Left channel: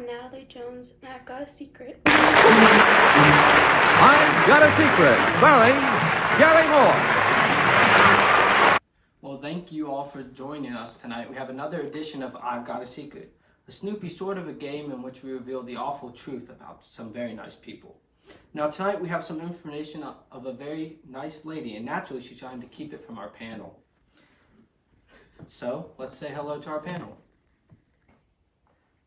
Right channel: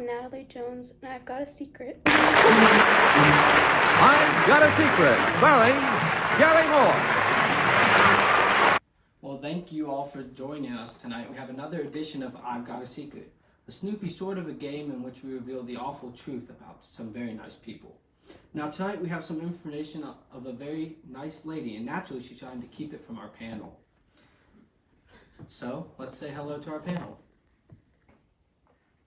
I'm Natalie Jones, and I've got a secret. I've Got a Secret, starring Garry Moore. Well, thank you all for joining us tonight. We have another edition of I've Got a Secret, a Snoopy sort of a game in which we reveal the awful truth about some very nice people. Now tonight we have some information of a very nice lady, and naturally she's trying to keep it from our panel. So let's say hello to our panel.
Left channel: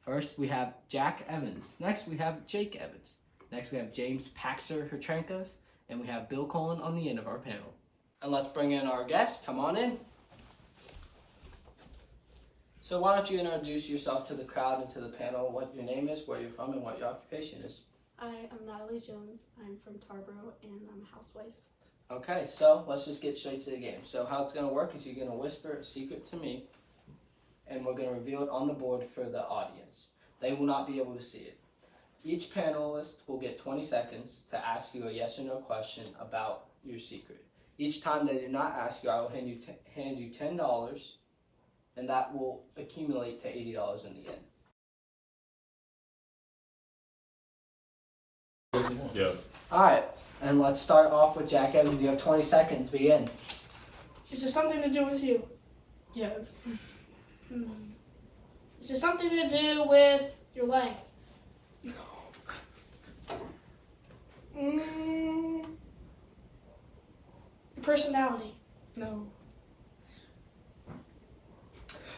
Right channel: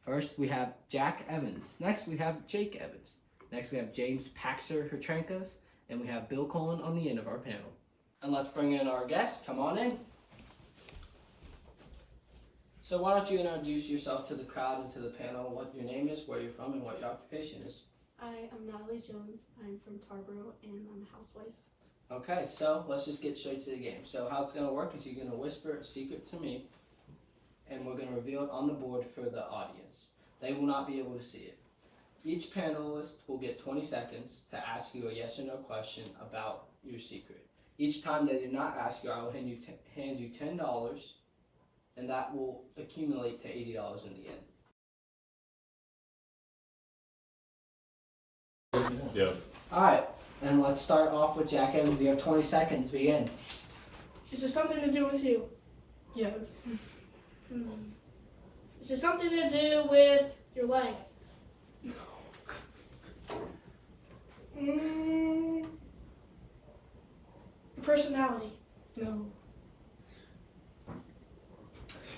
First we have Jack Evans. Next we have Jake Evans. Next we have James Paxster Hertrancos, and we have Bill Cullen on the end of our panel. And let's bring in our guest. Come on in. So why don't you introduce yourself to the crowd and to the panel, what your name is, where you're from, and what your occupation is. I am Natalie Jones. I'm from Tarboro, and I'm a housewife. Okay, so let's just get straight to the game. So how it's going to work is you're going to whisper a secret to me, and we're going to reveal it on the board for the audience. They will not be able to see it. Each panelist will get 20 seconds to ask you a yes or no question about your secret. Each time they do not ask you, I will hand you $10, and that will accumulate to $80 in the end. Yeah. Alright, and let's start off with Jack Evans. You have 20 seconds. Begin. Is it something to do with you? Yes. Is it something to do with your leg? No. Your personality? No.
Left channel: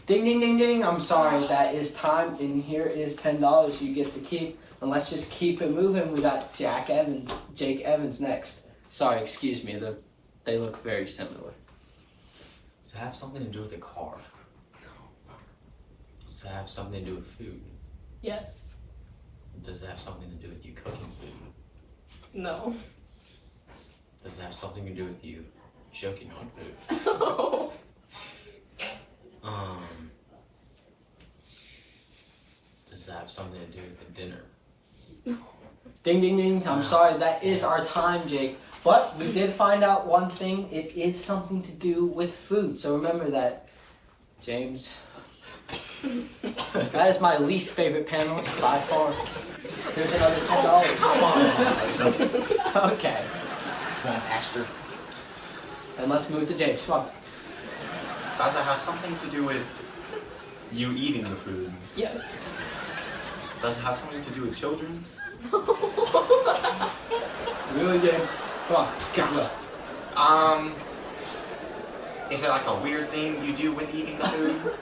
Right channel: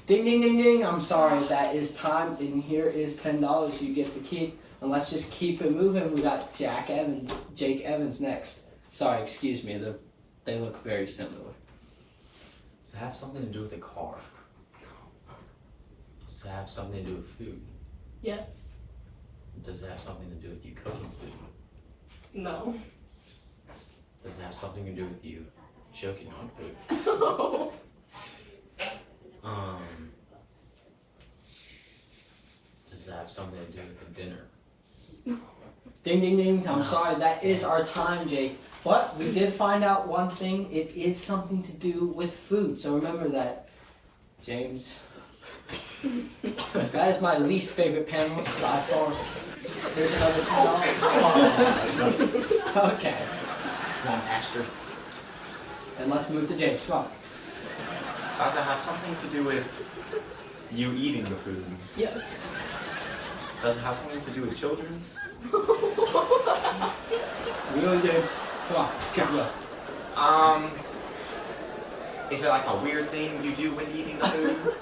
Ding, ding, ding, ding. I'm sorry, that is time, and here is $10 you get to keep. And let's just keep it moving. We got Jake Evans next. Sorry, excuse me. They look very similar. Does it have something to do with a car? No. Does it have something to do with food? Yes. Does it have something to do with you cooking food? No. Does it have something to do with you choking on food? No. Does it have something to do with the dinner? No. Ding, ding, ding. I'm sorry, that is our time, Jake. But we did find out one thing. It is something to do with food. So remember that, James. That is my least favorite panelist by far. There's another $10. Okay. Come on, Paxster. And let's move to James. Come on. Does it have something to do with you eating the food? Yes. Does it have something to do with children? Really, James? Come on. Is it like a weird thing you do when eating the food?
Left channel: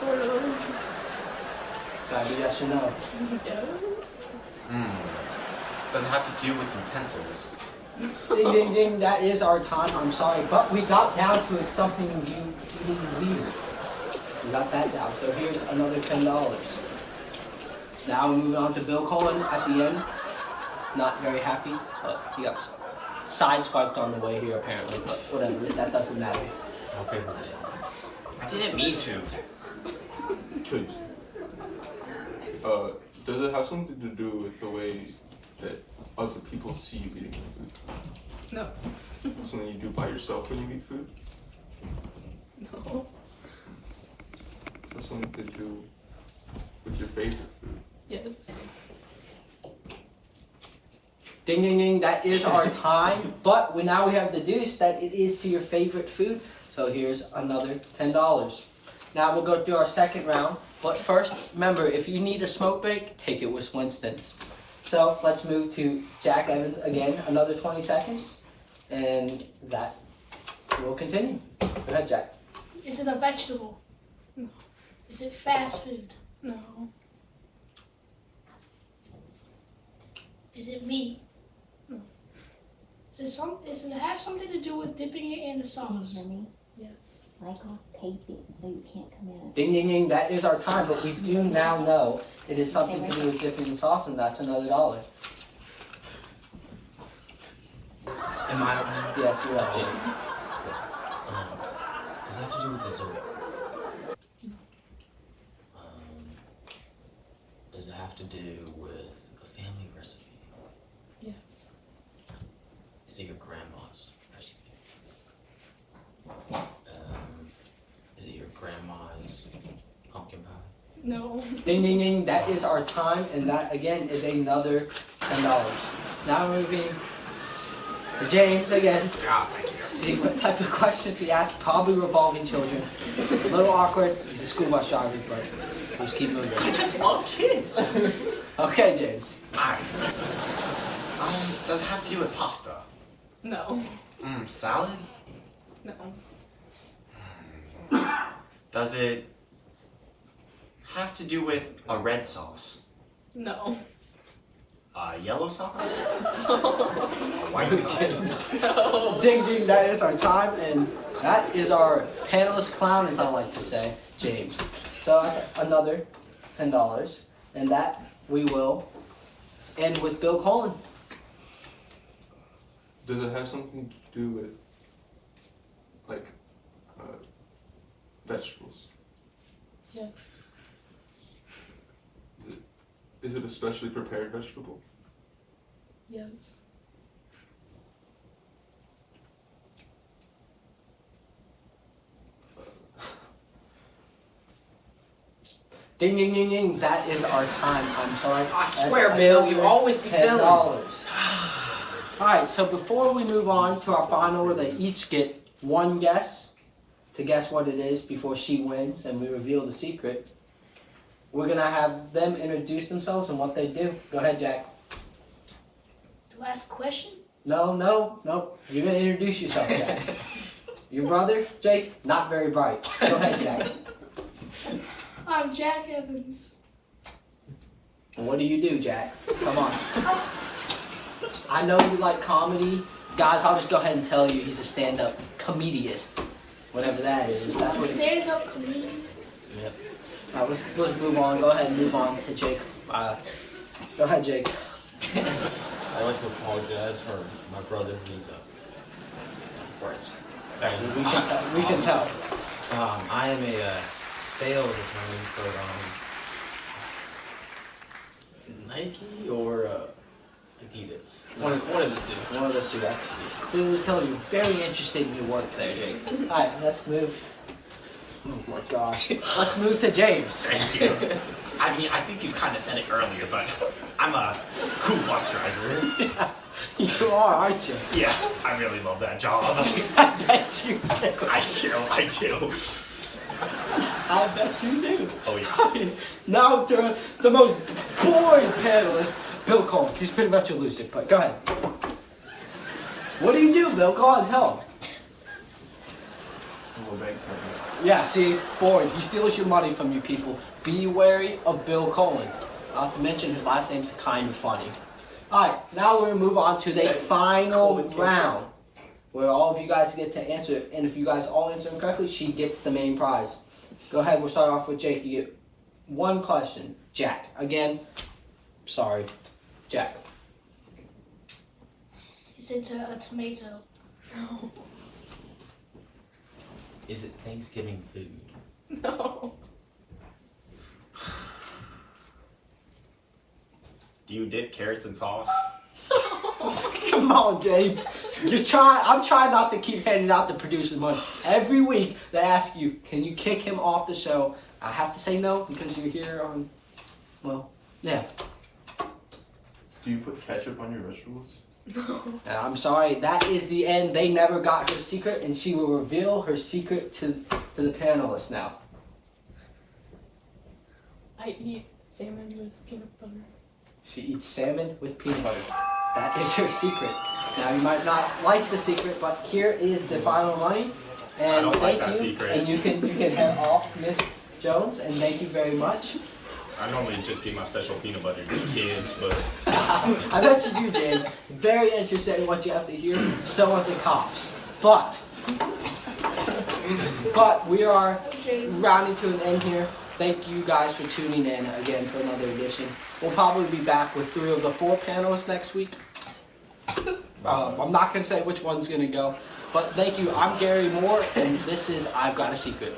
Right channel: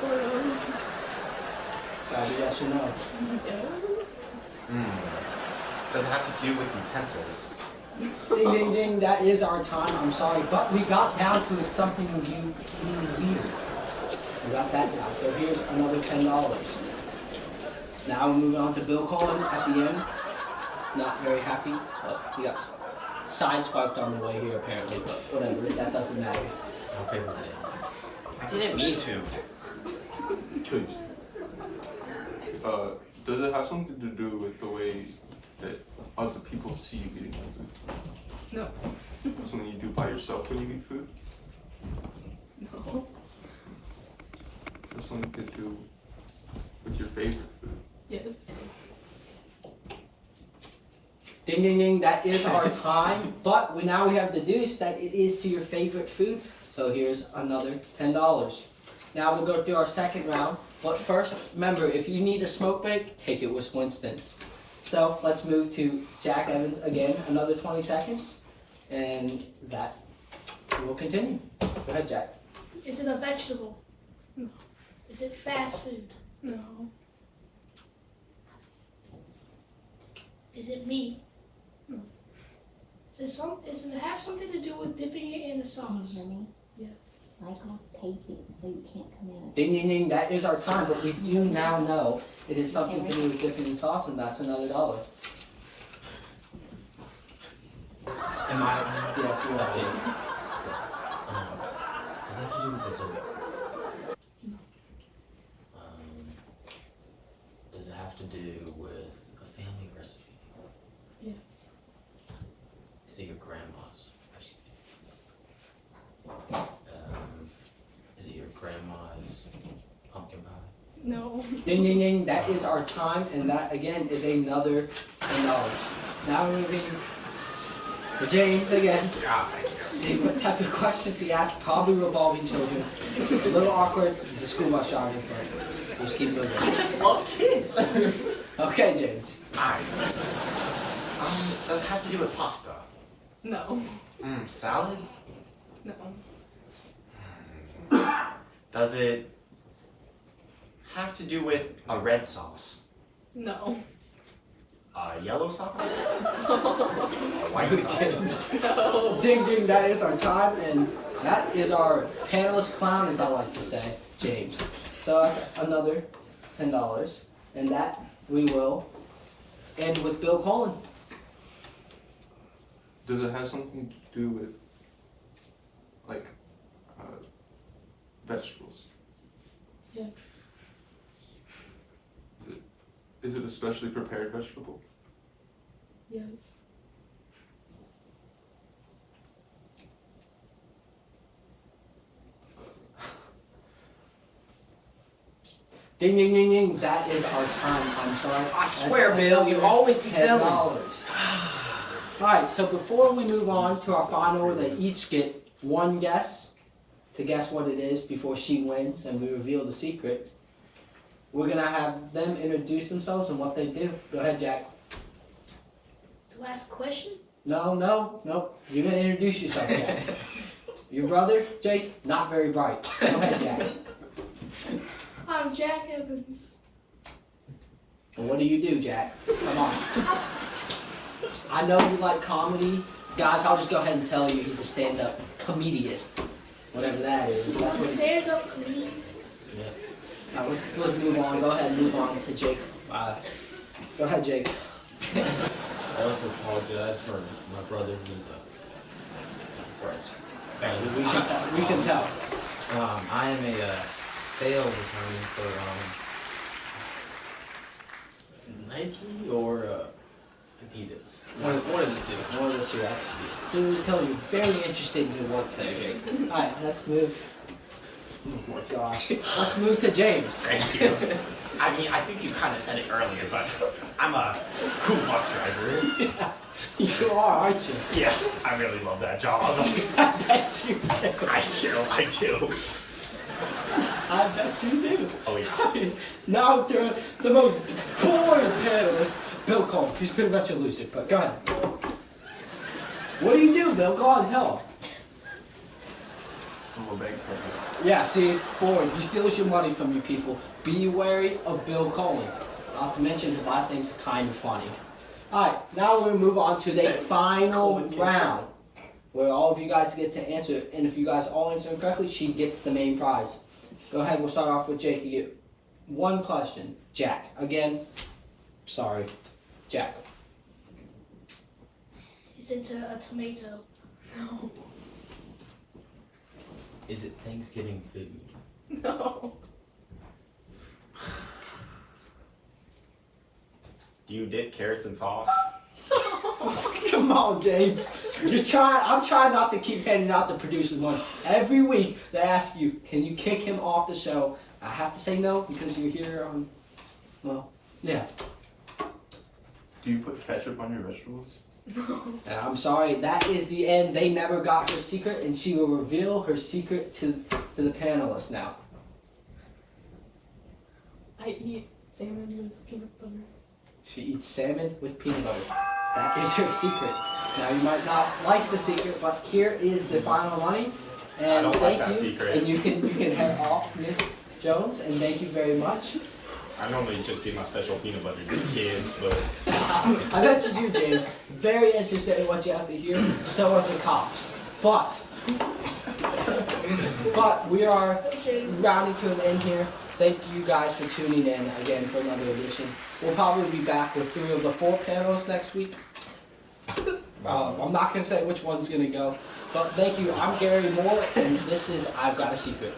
Sort of. So I do yes or no? Yes. Does it have to do with utensils? Ding, ding, ding. That is our time. I'm sorry. But we got down to it something you eating weird. We got that down. So here's another $10. Now we're moving on to Bill Cullen at the end. It's not very happy, but he got sideswiped on the way here apparently. But whatever, that doesn't matter. Okay, well, I didn't mean to. Does it have something to do with the way that other people see you eating the food? No. Something you do by yourself when you eat food? No. Does it have something to do with your favorite food? Yes. Ding, ding, ding. That is our time. But now we have deduced that it is to your favorite food. So here's another $10. Now we'll go through our second round. But first, remember, if you need a smoke break, take it with Winston's. So let's move to Jack Evans again. Another 20 seconds. And that will continue. Go ahead, Jack. Is it a vegetable? No. Is it fast food? No. Is it meat? No. Does it have something to do with dipping it in a sauce? Yes. Michael, tape it so you can't come in. Ding, ding, ding. That is our time. But we do now know it is something to do with dipping in sauce, and that's another $1. am I? Yes, you are, James. Does it have to do with dessert? No. Does it have to do with a family recipe? Yes. Is it your grandma's recipe? Is it your grandma's pumpkin pie? No. Ding, ding, ding. That is our time, and that again is another $10. Now moving to James again. See what type of questions he asked. Probably revolving children. A little awkward. He's a school bus driver, but just keep moving. I just love kids. Okay, James. Alright. Does it have to do with pasta? No. Salad? No. Does it have to do with a red sauce? No. Yellow sauce? A white sauce? Ding, ding. That is our time, and that is our panelist clown, as I like to say, James. So that's another $10, and that we will end with Bill Colin. Does it have something to do with, like, vegetables? Yes. Is it a specially prepared vegetable? Yes. Ding, ding, ding, ding. That is our time. I'm sorry. I swear, Bill, you always be selling. Alright, so before we move on to our final, where they each get one guess to guess what it is before she wins and we reveal the secret, we're going to have them introduce themselves and what they do. Go ahead, Jack. Do I ask a question? No. You're going to introduce yourself, Jack. Your brother, Jake, not very bright. Go ahead, Jack. I'm Jack Evans. And what do you do, Jack? Come on. I know you like comedy. Guys, I'll just go ahead and tell you he's a stand-up comedian. Whatever that is. A That's what he's... stand-up comedian. Yep. Now let's move on. Go ahead and move on to Jake. Go ahead, Jake. I'd like to apologize for my brother. He's a Bryce. We can tell. I am a sales attorney for Nike or Adidas. One of the two. One of those two. I clearly tell you, very interested in your work there, Jake. Alright, let's move. Oh my gosh. Let's move to James. Thank you. I mean, I think you kind of said it earlier, but I'm a school bus driver. You are, aren't you? Yeah, I really love that job. I bet you do. I do. I bet you do. Oh yeah. Now to the most boring panelist, Bill Cole. He's pretty much elusive, but go ahead. What do you do, Bill? Go on, tell him. I'm a bank teller. Yeah, see, boring. He steals your money from you people. Be wary of Bill Colin. Not to mention his last name's kind of funny. Alright, now we're going to move on to the final round, where all of you guys get to answer, and if you guys all answer correctly, she gets the main prize. Go ahead, we'll start off with Jake. You get one question. Jack. Again, sorry. Jack. Is it a tomato? No. Is it Thanksgiving food? No. Do you dip carrots in sauce? Come on, James. I'm trying not to keep handing out the producer's money. Every week they ask you, can you kick him off the show? I have to say no because you're here on, well, yeah. Do you put ketchup on your vegetables? And I'm sorry, that is the end. They never got her secret, and she will reveal her secret to the panelists now. I eat salmon with peanut butter. She eats salmon with peanut butter. That is her secret. Now you might not like the secret, but here is the final money. And I don't like thank that you. secret. And you can head off, Miss Jones, and thank you very much. I normally just give my special peanut butter to the kids, but I bet you do, James. Very interested in what you have to hear. So are the cops. But we are rounding to an end here. Thank you guys for tuning in again for another edition. We'll probably be back with 3 of the 4 panelists next week. I'm not going to say which one's going to go. But thank you. I'm Garry Moore, and this is I've Got a Secret.